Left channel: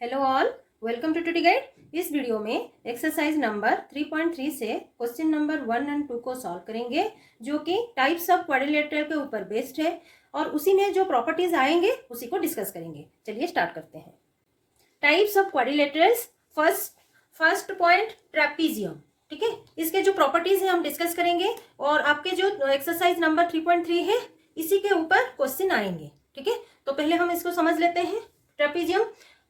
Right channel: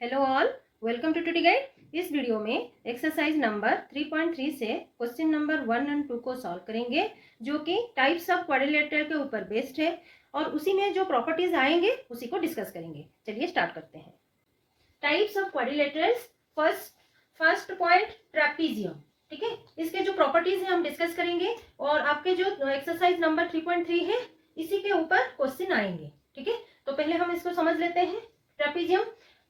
Hello all, welcome to today guide. इस video में exercise number 3.3 से क्वेश्चन नंबर 1 और 2 को सॉल्व करेंगे, जो कि टाइप्स ऑफ क्वाड्रिलेटरल के ऊपर बेस्ड है और उसी में जो प्रॉपर्टीज आएंगे उसी को डिस्कस करेंगे। चलिए स्टार्ट करते हैं। Types of quadrilaterals. First point trapezium. ठीक है, इसके जो प्रॉपर्टीज है हम डिस्कस करेंगे और आपके जो एक्सरसाइज नंबर 3.3 है इसी के ऊपर क्वेश्चन आएंगे। ठीक है, तो पहले हम इसको समझ लेते हैं।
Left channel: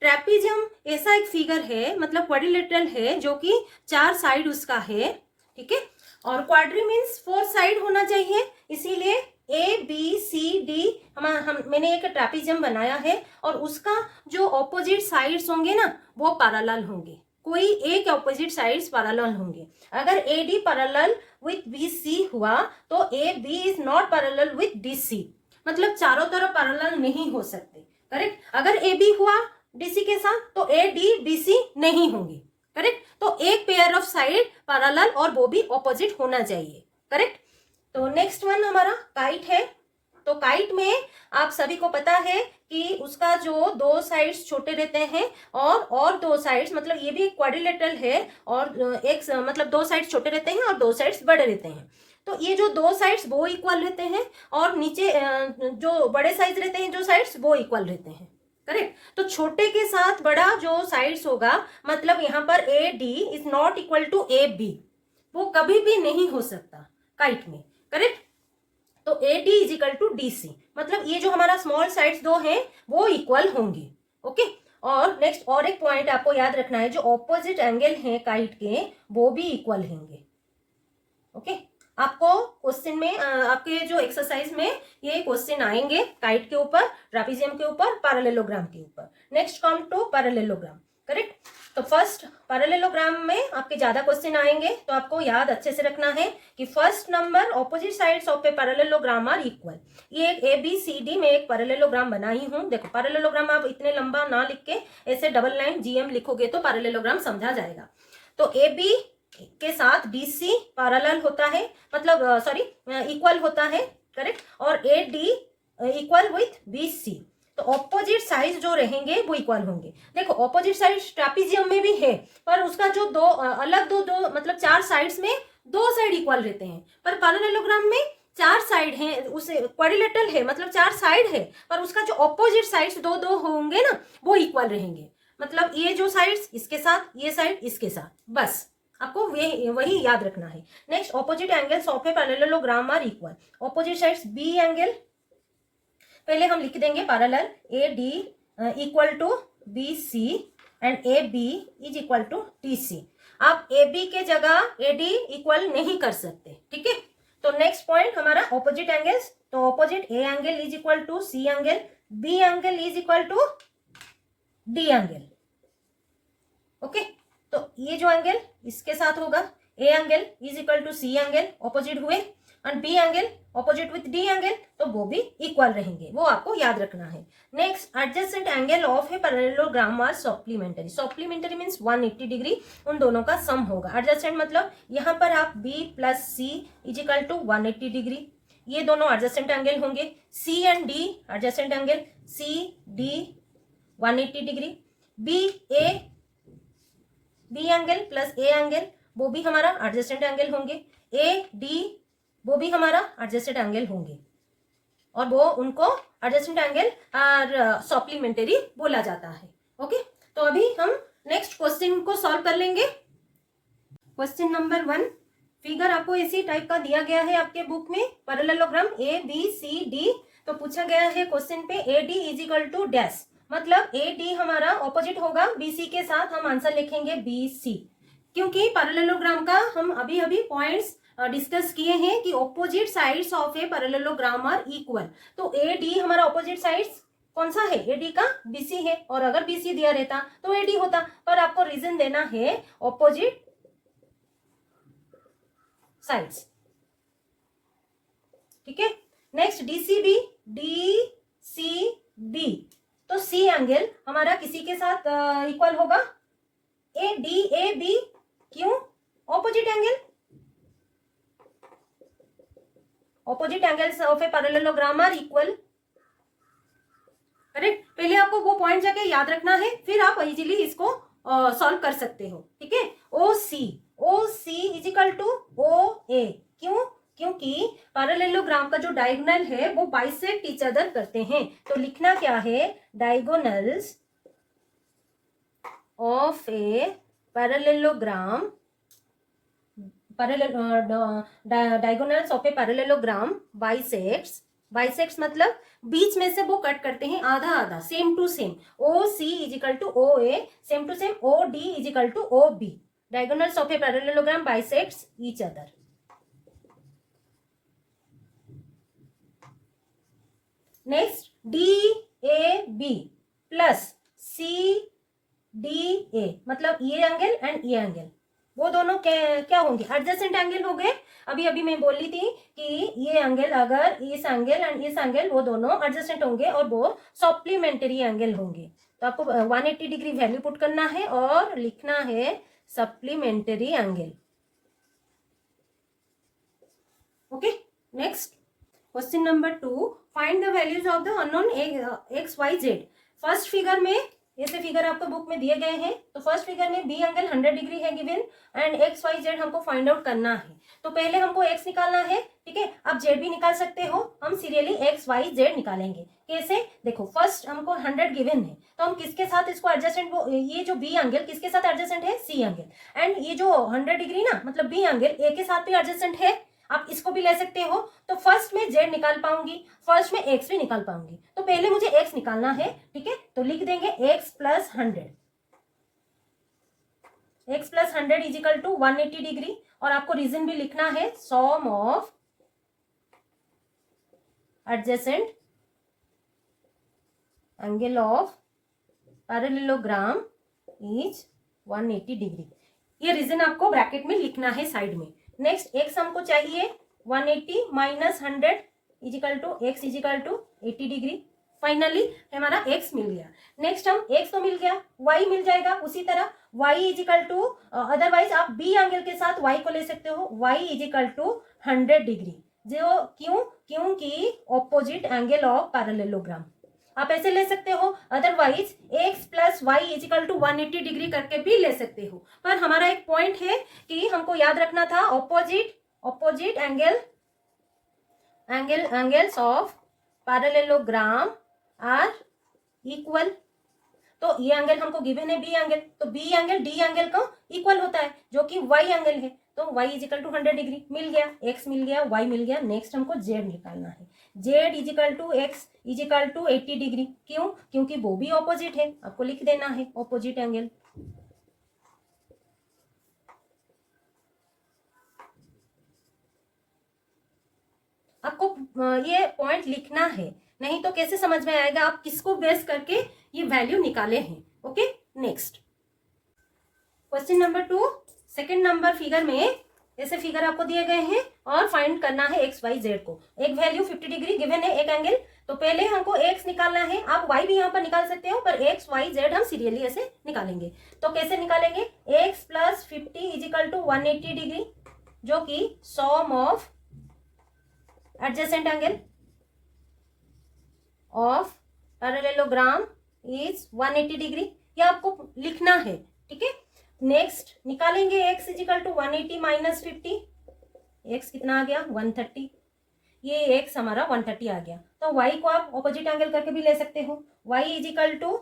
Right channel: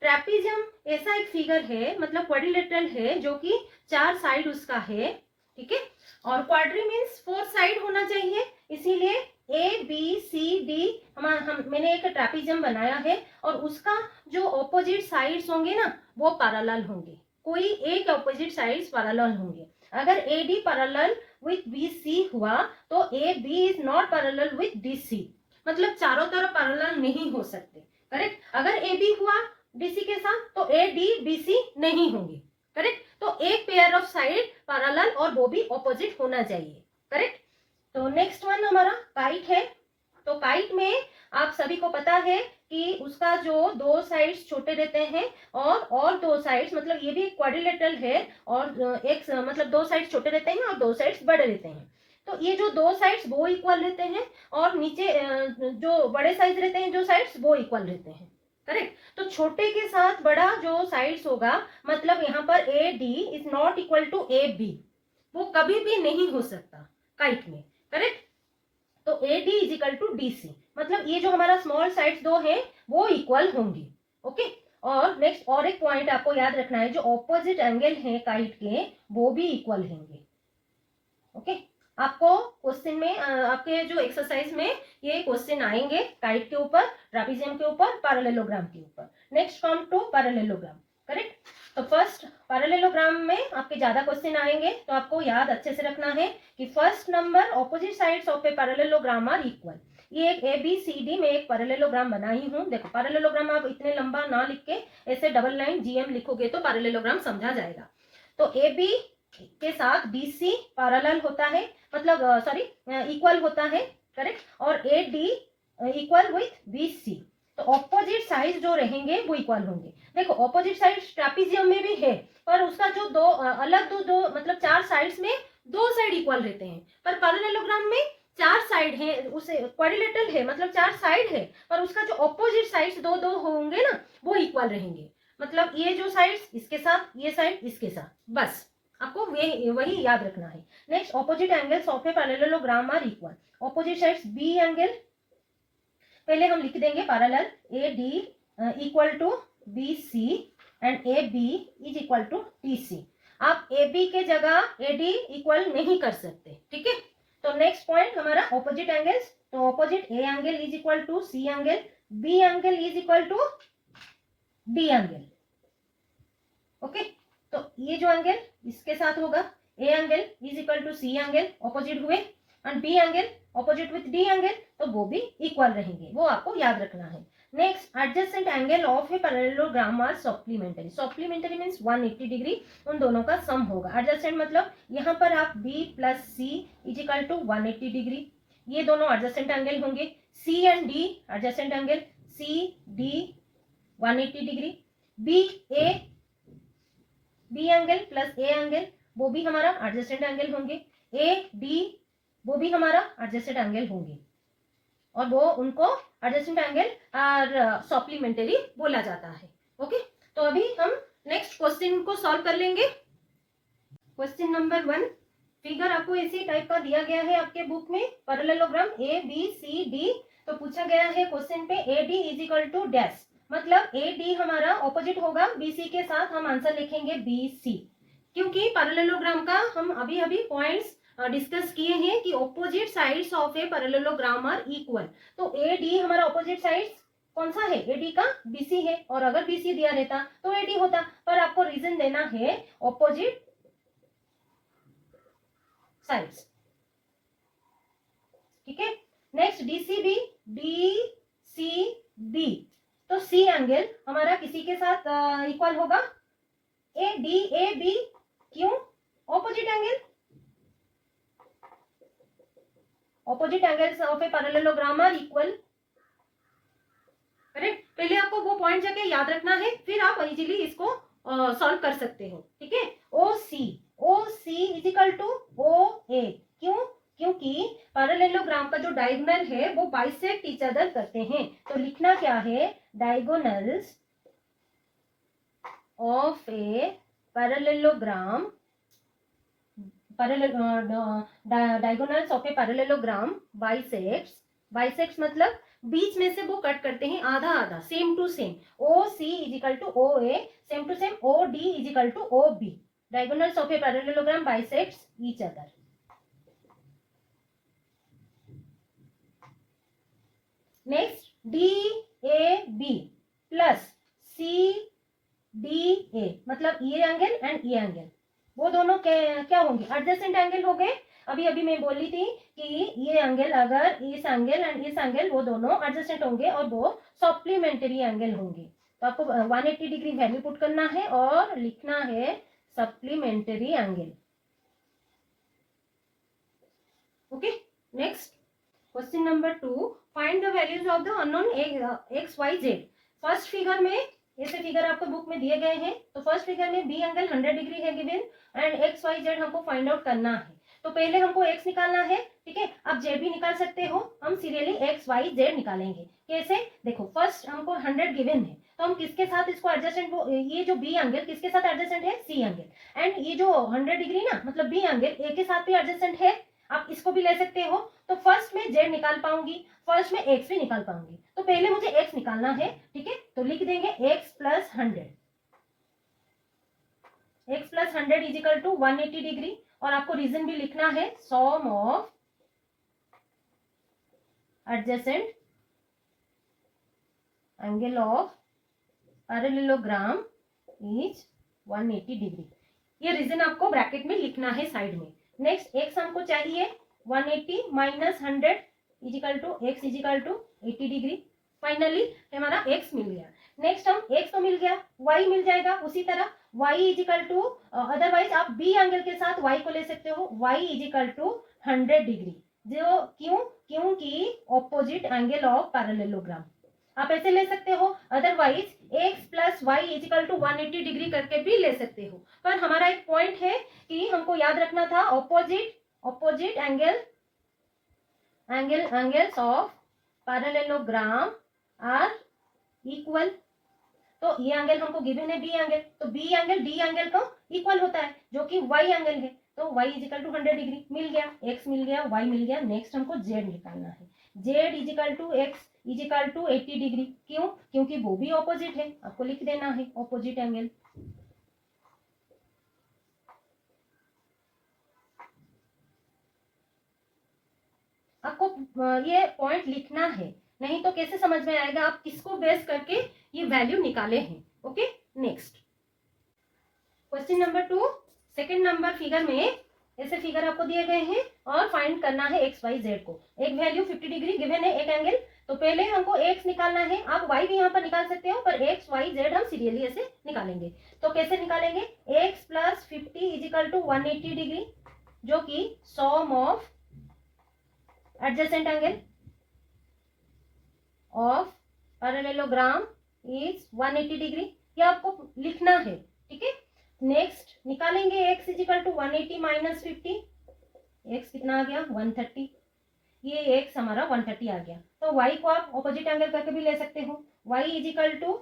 ट्रेपीजियम ऐसा एक फिगर है, मतलब क्वाड्रिलेटरल है जो कि 4 साइड उसका है। ठीक है, और क्वाड्री मीन्स 4 साइड होना चाहिए, इसीलिए ए बी सी डी मैंने एक ट्रेपीजियम बनाया है और उसका जो ऑपोजिट साइड्स होंगे ना वो पैरेलल होंगे। कोई एक ऑपोजिट साइड्स पैरेलल होंगे। अगर A D parallel with B C हुआ तो A B is not parallel with D C, मतलब चारों तरफ पैरेलल नहीं हो सकते। करेक्ट। अगर ए बी हुआ डीसी के साथ तो ए डी बीसी नहीं होंगे। करेक्ट, तो एक पेयर ऑफ साइड पैरेलल और वो भी ऑपोजिट होना चाहिए। करेक्ट। तो नेक्स्ट वन हमारा काइट है। तो काइट में आप सभी को पता है कि उसका जो 2 साइड्स छोटे रहते हैं और 2 साइड्स, मतलब ये भी क्वाड्रिलेटरल है और एक मतलब 2 साइड्स छोटे रहते हैं और 2 साइड्स बड़े रहते हैं। तो ये जो 2 साइड्स वो इक्वल रहते हैं और नीचे जो बड़े साइज रहते हैं जो साइड्स वो इक्वल रहते हैं। करेक्ट। तो छोटे के साथ बड़ा जो साइड्स होगा, मतलब यहाँ पर A D is not equal to A B, वो कभी भी नहीं हो सकता काइट में। करेक्ट। तो A D is equal to D C, मतलब ये जो हमारा स्मॉल साइड्स 2 हैं वो इक्वल होंगे। ओके। और नेक्स्ट और एक पॉइंट आपको याद रखना है, जो ऑपोजिट एंगल है काइट के वो भी इक्वल होंगे। ओके। आपको क्वेश्चन में आपके जो एक्सरसाइज में ये क्वेश्चन आएंगे काइट के ऊपर, ट्रेपीजियम के ऊपर, पैरेललोग्राम के ऊपर। Next come to parallelogram. Correct. तो फर्स्ट पैरेललोग्राम में आपके ज्यादा क्वेश्चन आएंगे, तो आपको याद अच्छे से रखना है कि first number opposite sides of a parallelogram are equal. ये एक ए बी सी डी में एक पैरेललोग्राम बनाई हूं। देखो पैरेललोग्राम आप इतने लंबा ना लिख के ऐसे डबल लाइन जीएम लिखोगे तो पैरेललोग्राम समझा जाएगा। तो ए बी के साथ BC पैरेलल होता है, मतलब सॉरी इक्वल होता है। करेक्ट। और AD इक्वल विथ BC, तो ऑपोजिट साइड जो रहेंगे वो इक्वल होंगे। देखो ऑपोजिट साइड ट्रेपीजियम में भी है, पर उसका जो दो मतलब 4 साइड्स में 2 साइड इक्वल रहते हैं, पर पैरेललोग्राम में 4 साइड हैं, उसे क्वाड्रिलेटरल है मतलब 4 साइड है, पर उसका जो ऑपोजिट साइड्स दो होंगे ना वो इक्वल रहेंगे। मतलब ये जो साइड्स इसके साथ, ये साइड इसके साथ, बस आपको वही याद रखना है। Next opposite angles of a parallelogram are equal. Opposite sides B angle पहले हम लिख देंगे parallel, A D equal to B C and A B is equal to D C. आप ए बी के जगह ए डी इक्वल नहीं कर सकते। ठीक है। तो नेक्स्ट पॉइंट हमारा ऑपोजिट एंगल्स। तो opposite A angle is equal to C angle, B angle is equal to D angle. Okay. तो ये जो एंगल इसके साथ होगा, A angle is equal to C angle, opposite हुए, and B angle opposite with D angle, तो वो भी इक्वल रहेंगे, वो आपको याद रखना है। Next adjacent angle of a parallelogram are supplementary. Supplementary means 180 degree, उन दोनों का सम होगा। एडजेसेंट मतलब यहाँ पर आप B plus C is equal to 180 degree, ये दोनों एडजेसेंट एंगल होंगे। C and D adjacent angle, C D 180 degree. B angle plus A angle वो भी हमारा एडजेसेंट एंगल होंगे। ए डी वो भी हमारा एडजेसेंट एंगल होंगे और वो उनको एडजेसेंट एंगल और सप्लीमेंटरी बोला जाता है। ओके। तो अभी हम नेक्स्ट क्वेश्चन को सॉल्व कर लेंगे। क्वेश्चन नंबर 1, फिगर आपको इसी टाइप का दिया गया है आपके बुक में, parallelogram A B C D. तो पूछा गया है क्वेश्चन पे A D is equal to dash, मतलब ए डी हमारा ऑपोजिट होगा बीसी के साथ, हम आंसर लिखेंगे BC, क्योंकि पैरेललोग्राम का हम अभी पॉइंट्स डिस्कस किए हैं कि opposite sides of a parallelogram are equal. तो ए डी हमारा ऑपोजिट साइड्स कौन सा है, ए डी का BC है, और अगर BC दिया रहता तो ए डी होता, पर आपको रीजन देना है ऑपोजिट साइड्स। ठीक है। नेक्स्ट DCB, DCB, तो सी एंगल हमारा किसी के साथ इक्वल होगा, ए डी ए बी, क्यों, opposite angle, opposite angles of a parallelogram are equal. Correct. पहले आपको वो पॉइंट जाके याद रखना है, फिर आप इजीली इसको सॉल्व कर सकते हो। ठीक है, ओ C is equal to O ए। क्यों? क्योंकि पैरेललोग्राम का जो डायगोनल है वो बाइसेक्ट ईच अदर करते हैं। तो लिखना क्या है, diagonals of a parallelogram, diagonals of a parallelogram bisects मतलब बीच में से वो कट करते हैं आधा आधा, same to same. O C is equal to O A, same to same O D is equal to O B. Diagonals of a parallelogram bisects each other. Next D A B plus C D A, मतलब ये angle and ये angle, वो दोनों क्या होंगे, adjacent angle हो गए। अभी अभी मैं बोली थी कि ये एंगल, अगर इस एंगल एंड इस एंगल वो दोनों एडजेसेंट होंगे और वो सप्लीमेंट्री एंगल होंगे। तो आपको 180 डिग्री वैल्यू पुट करना है और लिखना है supplementary angle. Okay, next question number 2, find the values of the unknown X Y Z. First figure में, ऐसे फिगर आपको बुक में दिए गए हैं, तो फर्स्ट फिगर में बी एंगल 100 डिग्री है given and X Y Z हमको फाइंड आउट करना है। तो पहले हमको एक्स निकालना है, ठीक है। आप जेड भी निकाल सकते हो, हम सीरियली एक्स वाई जेड निकालेंगे। कैसे? देखो, फर्स्ट हमको 100 गिवन है, तो हम किसके साथ इसको एडजस्टेंट, ये जो बी एंगल किसके साथ एडजस्टेंट है, सी एंगल, एंड ये जो 100 डिग्री ना, मतलब बी एंगल ए के साथ भी एडजस्टेंट है। आप इसको भी ले सकते हो। तो फर्स्ट में जेड निकाल पाऊंगी, फर्स्ट में एक्स भी निकाल पाऊंगी। तो पहले मुझे एक्स निकालना है, ठीक है। तो लिख देंगे x plus 100, x plus 100 is equal to 180 degree. और आपको रीजन भी लिखना है, sum of adjacent angle of parallelogram is 180 degree. ये रीजन आपको ब्रैकेट में लिखना है साइड में। नेक्स्ट एक्स हमको चाहिए 180 minus 100 is equal to X is equal to 80 degree. Finally हमारा एक्स मिल गया। नेक्स्ट हम एक्स तो मिल गया, वाई मिल जाएगा उसी तरह, Y is equal to, otherwise आप बी एंगल के साथ वाई को ले सकते हो, Y is equal to 100 degree. जो क्यों? क्योंकि ऑपोजिट एंगल ऑफ पैरेललोग्राम। आप ऐसे ले सकते हो, otherwise X plus Y is equal to 180 degree करके भी ले सकते हो। पर हमारा एक पॉइंट है कि हमको याद रखना था, opposite angles of parallelogram are equal. तो ये एंगल हमको गिवन है बी एंगल, तो बी एंगल डी एंगल का इक्वल होता है, जो कि वाई एंगल है। तो y is equal to 100 degree मिल गया, x मिल गया, y मिल गया। नेक्स्ट हमको z निकालना है, z is equal to x is equal to 80 degree. क्यों? क्योंकि वो भी ऑपोजिट है, आपको लिख देना है ऑपोजिट एंगल। आपको ये पॉइंट लिखना है, नहीं तो कैसे समझ में आएगा आप किसको बेस करके ये वैल्यू निकाले हैं। Okay, next question number 2, second number figure में ऐसे फिगर आपको दिए गए हैं और फाइंड करना है एक्स वाई जेड को। एक वैल्यू 50 डिग्री गिवन है, एक एंगल। तो पहले हमको एक्स निकालना है, आप वाई भी यहाँ पर निकाल सकते हो, पर एक्स वाई जेड हम सीरियली ऐसे निकालेंगे। तो कैसे निकालेंगे, x plus 50 is equal to 180 degree, जो कि sum of adjacent angle of parallelogram is 180 degree. ये आपको लिखना है, ठीक है। नेक्स्ट निकालेंगे x is equal to 180 minus 50, x कितना आ गया 130, ये x हमारा 130 आ गया। तो y को आप ऑपोजिट एंगल करके भी ले सकते हो, y is equal to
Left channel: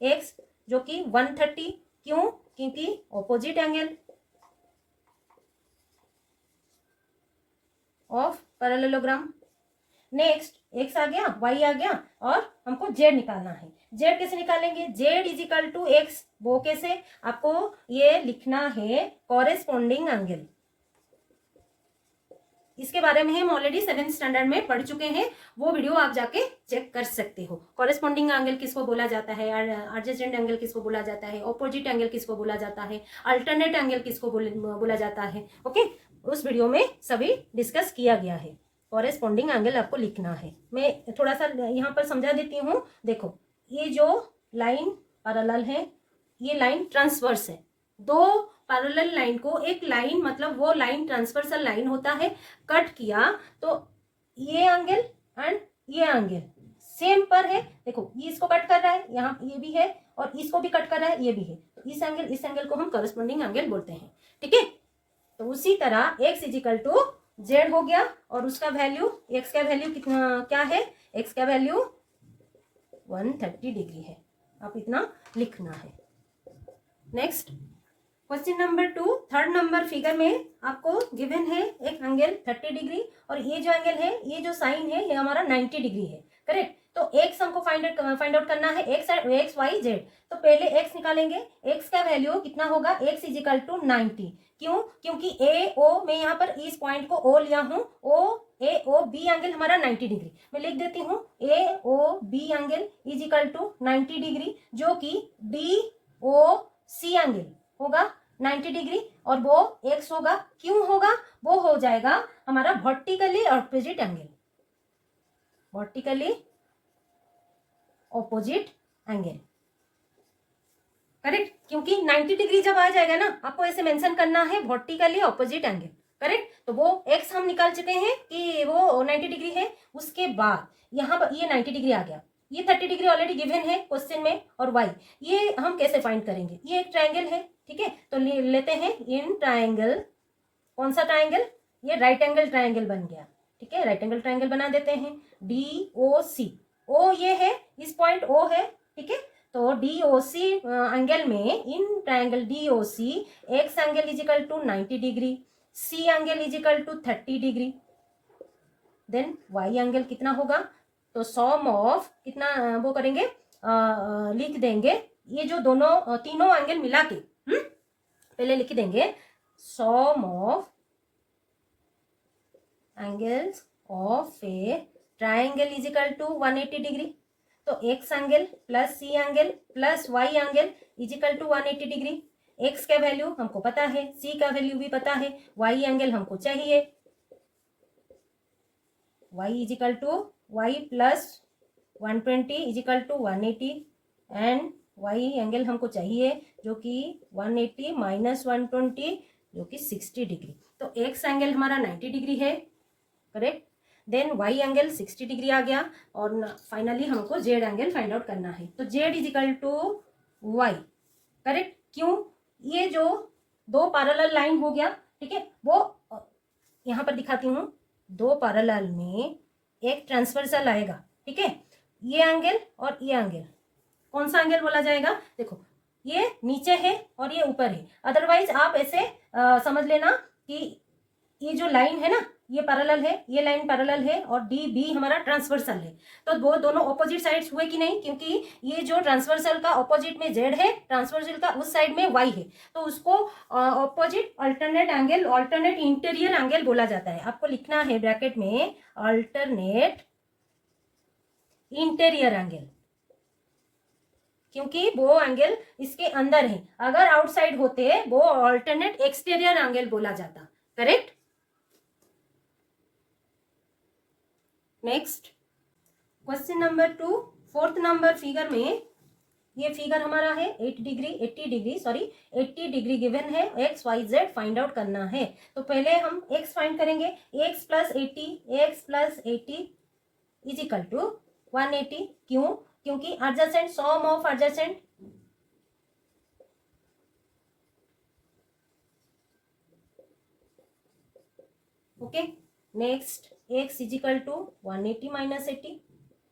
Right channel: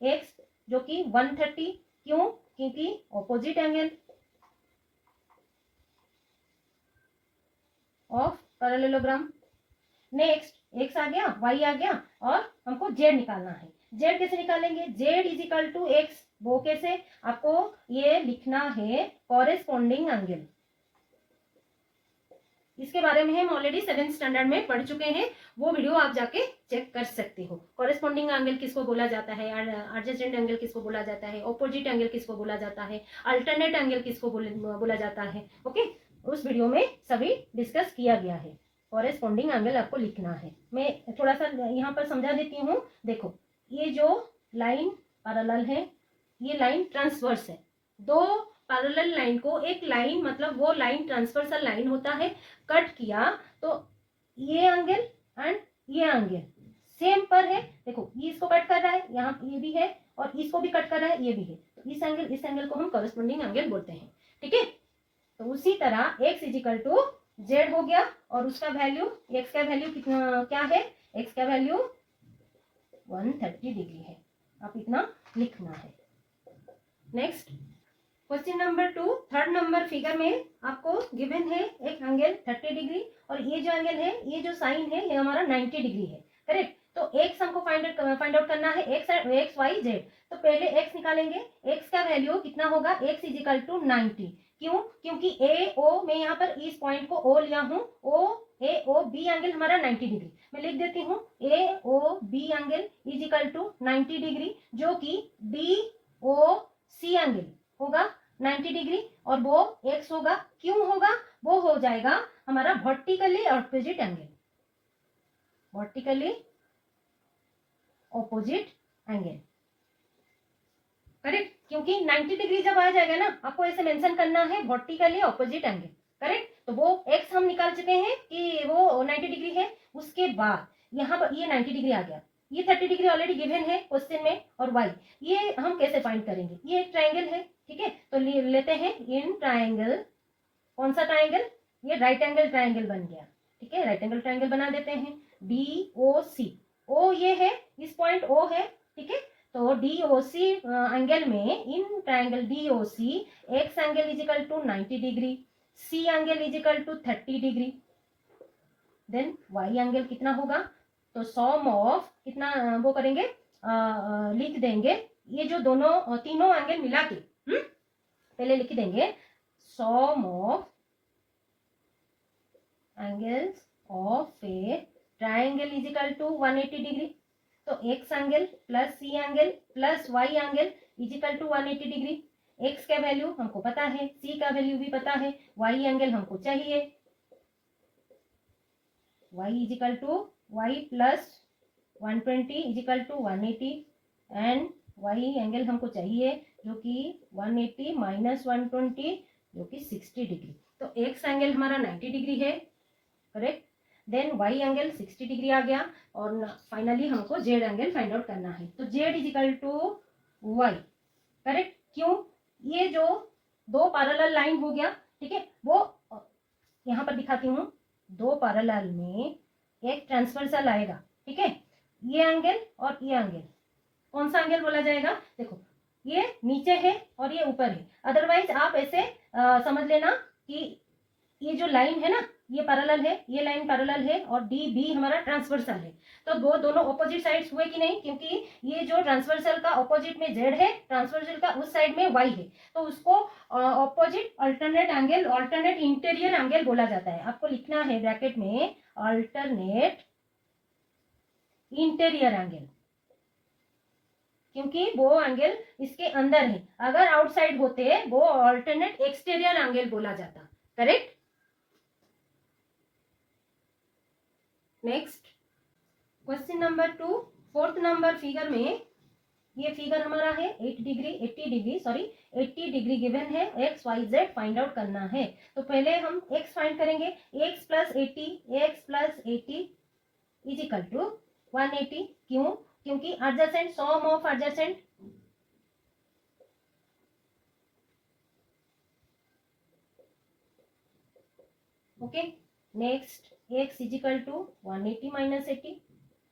x जो कि 130। क्यों? क्योंकि opposite angle of parallelogram. Next x आ गया, y आ गया, और हमको z निकालना है। z कैसे निकालेंगे, z is equal to X, वो कैसे, आपको ये लिखना है कॉरेस्पॉन्डिंग एंगल। इसके बारे में हम ऑलरेडी 7th स्टैंडर्ड में पढ़ चुके हैं, वो वीडियो आप जाके चेक कर सकते हो। कॉरेस्पॉन्डिंग एंगल किसको बोला जाता है, एडजेसेंट एंगल किसको बोला जाता है, ऑपोजिट एंगल किसको बोला जाता है, अल्टरनेट एंगल किसको बोला जाता है। ओके, उस वीडियो में सभी डिस्कस किया गया है। कॉरेस्पॉन्डिंग एंगल आपको लिखना है। मैं थोड़ा सा यहाँ पर समझा देती हूँ। देखो, ये जो लाइन पैरेलल है, ये लाइन ट्रांसवर्स है। दो पैरेलल लाइन को, एक लाइन मतलब वो लाइन ट्रांसवर्सल लाइन होता है, कट किया तो ये एंगल एंड ये एंगल सेम पर है, देखो ये इसको कट कर रहा है, यहाँ ये भी है और इसको भी कट कर रहा है, ये भी है, तो इस एंगल को हम करस्पॉन्डिंग एंगल बोलते हैं। ठीक है, तो उसी तरह x इजिकल टू जेड हो गया और उसका वैल्यू, x का वैल्यू कितना क्या है, x का वैल्यू 130 डिग्री है, आप इतना लिखना है। Next question number 2, third number figure में आपको गिवन है एक एंगल 30 डिग्री और ये जो एंगल है, ये जो साइन है, ये हमारा 90 डिग्री है। करेक्ट, तो x हमको फाइंड आउट करना है, x y z। तो पहले x निकालेंगे, x का वैल्यू कितना होगा, x इजिकल टू 90। क्यों, क्योंकि ए ओ, मैं यहाँ पर इस पॉइंट को ओ लिया हूँ, ओ ए ओ बी एंगल हमारा 90 डिग्री, मैं लिख देती हूँ A O B angle is equal to 90 degree, जो कि डी ओ सी एंगल होगा 90 डिग्री और वो x होगा। क्यों होगा, वो हो जाएगा हमारा vertically opposite angle, vertically opposite angle. Correct, क्योंकि 90 डिग्री जब आ जाएगा ना, आपको ऐसे मेंशन करना है वर्टिकली ऑपोजिट एंगल। करेक्ट, तो वो x हम निकाल चुके हैं कि वो 90 डिग्री है। उसके बाद यहाँ पर ये 90 डिग्री आ गया, ये 30 डिग्री ऑलरेडी गिवन है क्वेश्चन में, और y ये हम कैसे फाइंड करेंगे, ये एक ट्राइंगल है। ठीक है, तो लेते हैं इन ट्राइंगल, कौन सा ट्राइंगल, ये राइट एंगल ट्राइंगल बन गया। ठीक है, राइट एंगल ट्राइंगल बना देते हैं, डी ओ सी, ओ ये है, इस पॉइंट ओ है। ठीक है, तो डी ओ सी एंगल में, in triangle D O C, X angle is equal to 90 degree, C angle is equal to 30 degree, then Y angle कितना होगा, तो सॉम ऑफ कितना वो करेंगे, लिख देंगे ये जो दोनों तीनों एंगल मिला के, पहले लिख देंगे sum of angles of a triangle is equal to 180 degree. तो x angle plus C angle plus y angle is equal to 180 degree. X का वैल्यू हमको पता है, सी का वैल्यू भी पता है, वाई एंगल हमको चाहिए, Y is equal to Y plus 120 is equal to 180 and Y angle हमको चाहिए जो कि 180 माइनस 120 जो कि 60 डिग्री। तो एक्स एंगल हमारा 90 डिग्री है। Correct, then Y angle 60 degree आ गया और फाइनली हमको जेड एंगल फाइंड आउट करना है। तो Z is equal to Y. Correct, क्यों, ये जो दो पैरेलल लाइन हो गया, ठीक है, वो यहाँ पर दिखाती हूँ, दो पैरेलल में एक ट्रांसवर्सल आएगा। ठीक है, ये एंगल और ये एंगल, कौन सा एंगल बोला जाएगा, देखो ये नीचे है और ये ऊपर है। अदरवाइज आप ऐसे समझ लेना कि ये जो लाइन है ना, ये पैरेलल है, ये लाइन पैरेलल है और डी बी हमारा ट्रांसवर्सल है। तो वो दोनों ऑपोजिट साइड्स हुए कि नहीं, क्योंकि ये जो ट्रांसवर्सल का ऑपोजिट में जेड है, ट्रांसवर्सल का उस साइड में वाई है, तो उसको opposite alternate angle, alternate interior angle बोला जाता है। आपको लिखना है ब्रैकेट में अल्टरनेट इंटीरियर एंगल, क्योंकि वो एंगल इसके अंदर है। अगर आउटसाइड होते वो अल्टरनेट एक्सटीरियर एंगल बोला जाता। Correct, next question number 2, fourth number figure में, ये फिगर हमारा है 80 डिग्री गिवन है, x Y z find out करना है। तो पहले हम एक्स फाइंड करेंगे, x plus 80 is equal to 180। क्यों, क्योंकि adjacent, sum of adjacent, okay. Next x is equal to 180 minus 80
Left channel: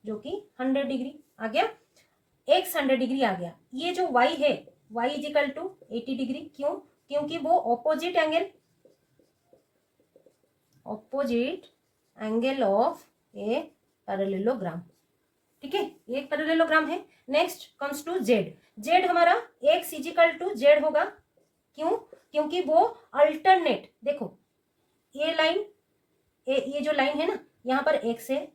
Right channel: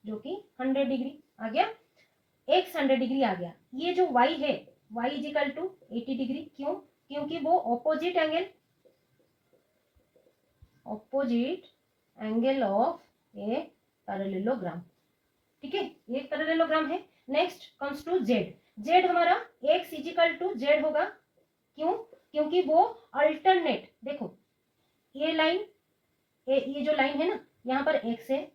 जो कि 100 डिग्री आ गया, एक्स 100 डिग्री आ गया। ये जो y है, y इजिकल टू 80 डिग्री। क्यों, क्योंकि वो opposite angle of a parallelogram. ठीक है, ये एक पैरेललोग्राम है। Next comes to Z, Z हमारा एक्स इजिकल टू जेड होगा। क्यों, क्योंकि वो अल्टरनेट, देखो ये लाइन, ये जो लाइन है ना, यहाँ पर एक्स है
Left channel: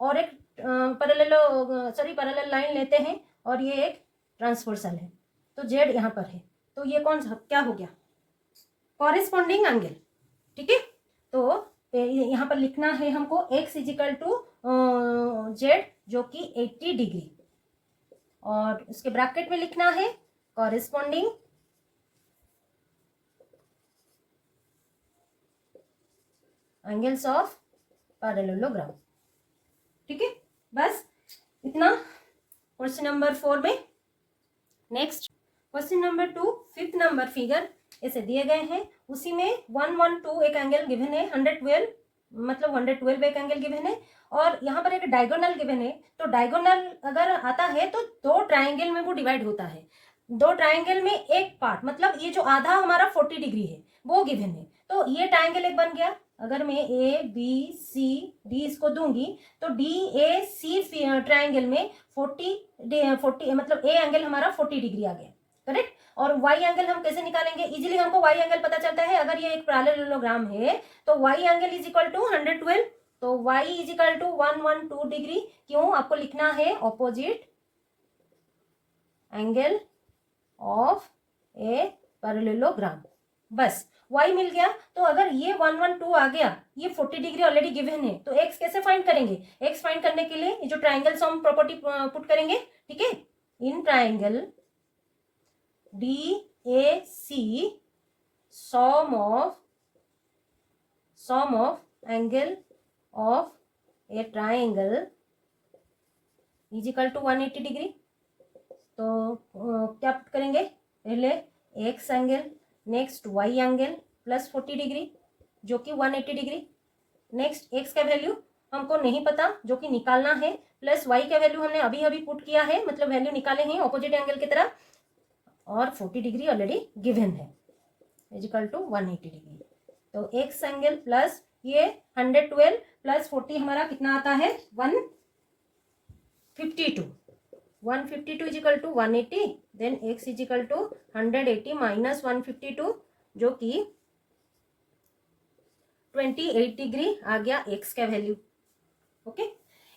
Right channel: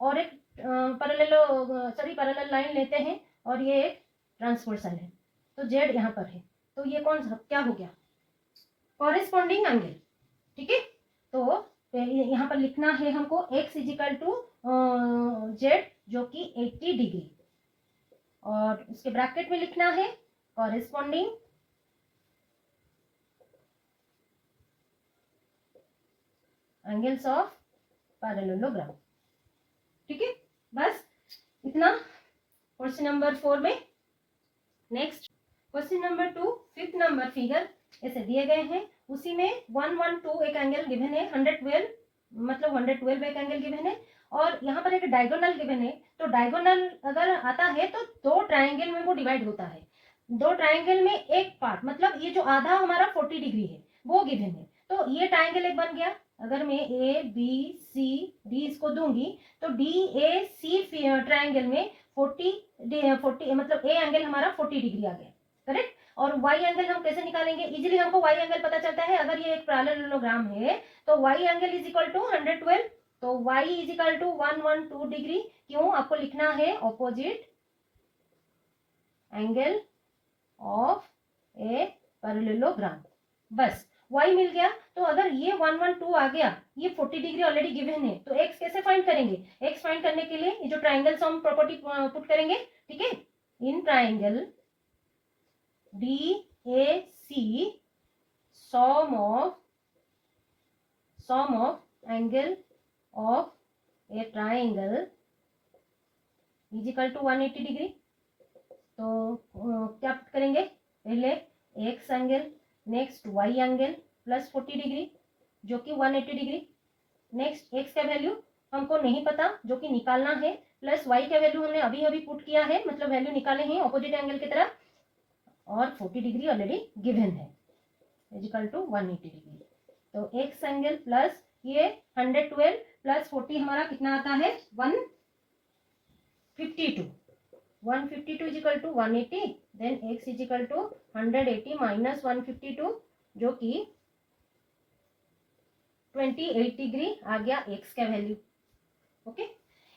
और एक पैरेलल लाइन लेते हैं और ये एक ट्रांसवर्सल है, तो जेड यहाँ पर है, तो ये कौन सा क्या हो गया, कॉरेस्पॉन्डिंग एंगल। ठीक है, तो यहाँ पर लिखना है हमको एक्स इजिकल टू जेड जो कि 80 डिग्री, और उसके ब्रैकेट में लिखना है कॉरेस्पॉन्डिंग एंगल्स ऑफ पैरेललोग्राम। ठीक है, बस इतना क्वेश्चन नंबर 4 में। Next question number 2, 5th number figure ऐसे दिए गए हैं, उसी में 112 एक एंगल गिवन है, 112 मतलब 112 एक एंगल गिवन है, और यहाँ पर एक डायगोनल गिवन है। तो डायगोनल अगर आता है तो दो ट्राइंगल में वो डिवाइड होता है। दो ट्राइंगल में एक पार्ट मतलब ये जो आधा हमारा 40 डिग्री है वो गिवन है। तो ये ट्राइंगल एक बन गया। अगर मैं ए बी सी डी इसको दूंगी तो डी ए सी ट्राइंगल में 40 मतलब ए एंगल हमारा 40 डिग्री आ गया, करेक्ट। और वाई एंगल हम कैसे निकालेंगे? इजीली हमको वाई एंगल पता चलता है। अगर ये एक पैरेललोग्राम है तो Y angle is equal to 112, तो Y is equal to 112 degree. क्यों? आपको लिखना है opposite angle of a parallelogram, बस y मिल गया। तो अगर ये 112 आ गया, ये 40 डिग्री ऑलरेडी गिवन है, तो x कैसे फाइंड करेंगे? x फाइंड करने के लिए ये जो ट्राइंगल सम प्रॉपर्टी पुट करेंगे, ठीक है। In triangle DAC sum of angle of a triangle is equal to 180 degree. तो क्या पुट करेंगे? पहले x angle, next y angle plus 40 degree जो कि 180 डिग्री। नेक्स्ट x का वैल्यू हमको नहीं पता जो कि निकालना है, प्लस y का वैल्यू हमने अभी अभी पुट किया है, मतलब वैल्यू निकाले हैं ऑपोजिट एंगल की तरह, और 40 डिग्री ऑलरेडी गिवन है इज इक्वल टू 180 डिग्री। तो x एंगल प्लस ये 112 प्लस 40 हमारा कितना आता है? 152 is equal to 180, then x is equal to 180 minus 152 जो कि 28 डिग्री आ गया x का वैल्यू। ओके,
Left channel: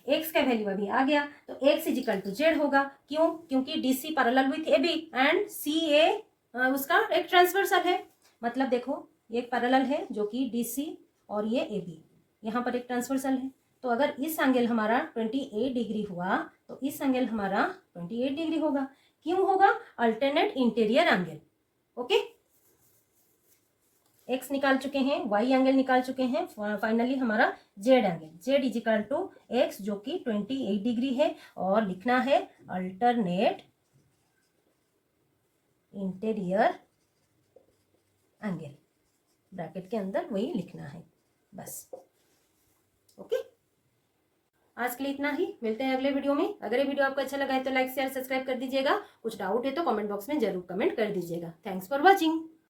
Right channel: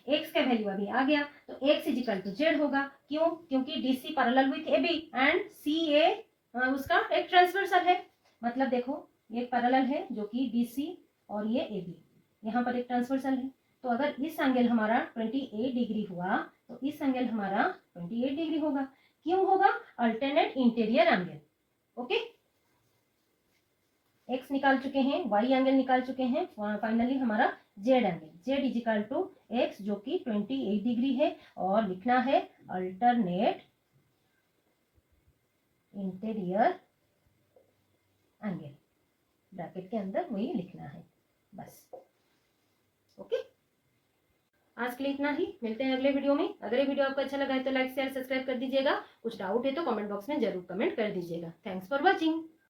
x का वैल्यू अभी आ गया, तो x is equal to z होगा। क्यों? क्योंकि DC parallel with AB and CA उसका एक ट्रांसवर्सल है। मतलब देखो ये एक पैरेलल है जो कि DC और ये AB, यहाँ पर एक ट्रांसवर्सल है। तो अगर इस एंगल हमारा 28 डिग्री हुआ तो इस एंगल हमारा 28 डिग्री होगा। क्यों होगा? Alternate interior angle. Okay, x निकाल चुके हैं, y एंगल निकाल चुके हैं, फाइनली हमारा z angle, z is equal to x जो कि 28 डिग्री है, और लिखना है अल्टरनेट इंटीरियर एंगल, ब्रैकेट के अंदर वही लिखना है बस। ओके, आज के लिए इतना ही, मिलते हैं अगले वीडियो में। अगर ये वीडियो आपको अच्छा लगा है तो लाइक शेयर सब्सक्राइब कर दीजिएगा। कुछ डाउट है तो कमेंट बॉक्स में जरूर कमेंट कर दीजिएगा। Thanks for watching.